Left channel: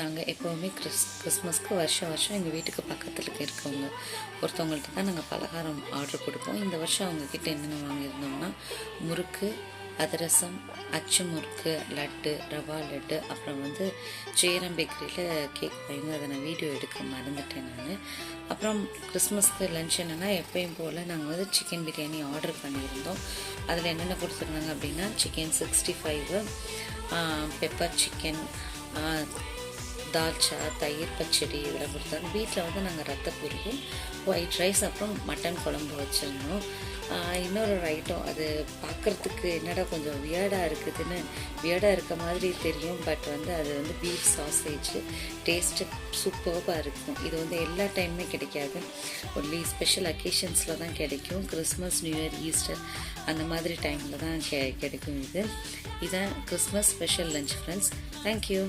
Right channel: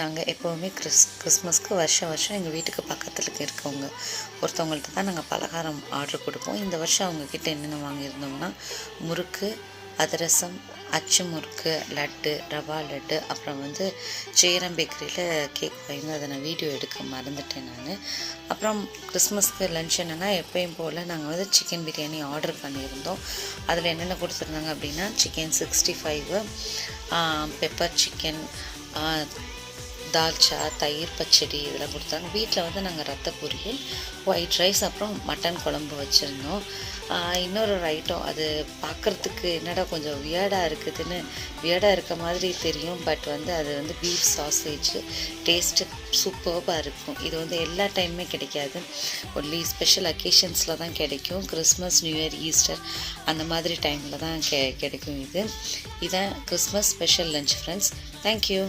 நாங்கள் எப்போவுமே கிறிஸ்மஸ்க்கு வருஷம் எங்கள் வீட்டுக்கு பக்கத்தில் இருக்கவங்க ஒருத்தவங்கள்ட்ட தான் நாங்கள் பலகாரம் ஆர்டர் கொடுப்போம். இந்த வருஷம் அவங்கக்கிட்ட என்னென்ன வாங்கியிருந்தோம்னா முறுக்கு, அதிரசம், அச்சு முறுக்கு, லட்டு, ரவா லட்டு, அப்புறம் சேரம் பேக்கரியில் கேக் வாங்கி அதை நான் வீடியோ எடுக்க மறந்துட்டேன் நான். அப்புறம் கிறிஸ்மஸ்க்கு லன்ச் என்னென்னா எப்பயும் போல் நாங்கள் சிக்கன் பிரியாணி ஆர்டர் பண்ணியிருந்தோம். அதில் என்னென்ன கொடுத்துருந்தாங்க அப்படின்னா சிக்கன் 65, பெப்பர் சிக்கன், தால்ச்சா, தயிர் பச்சடி இதெல்லாம் கொடுத்தாங்க. வீட்டில் நாங்கள் ரத்த பொரியல், ஒயிட் ரைஸ், அப்புறம் மட்டன் குழம்பு வச்சுருந்தோம். இன்னொரு ஐட்டம் அது பார்க்குறதுக்கு என்னடா கொஞ்சம் வியர்டாக இருக்க மாதிரி தெரியும். பட் அது பீஃப் சாசேஜ் டேஸ்ட்டு சூப்பர்பாக இருக்கும். இது எல்லா டைமுமே கிடைக்காது, ஒன்லி ஸ்பெஷல் அக்கேஷன்ஸில் தான் கிடைக்கும். கிறிஸ்மஸ், நியூ இயர், ஈஸ்டர் அந்த மாதிரி டைமில் தான் கிடைக்கும். இதுதான் Christmas special lunch friends. Thank you.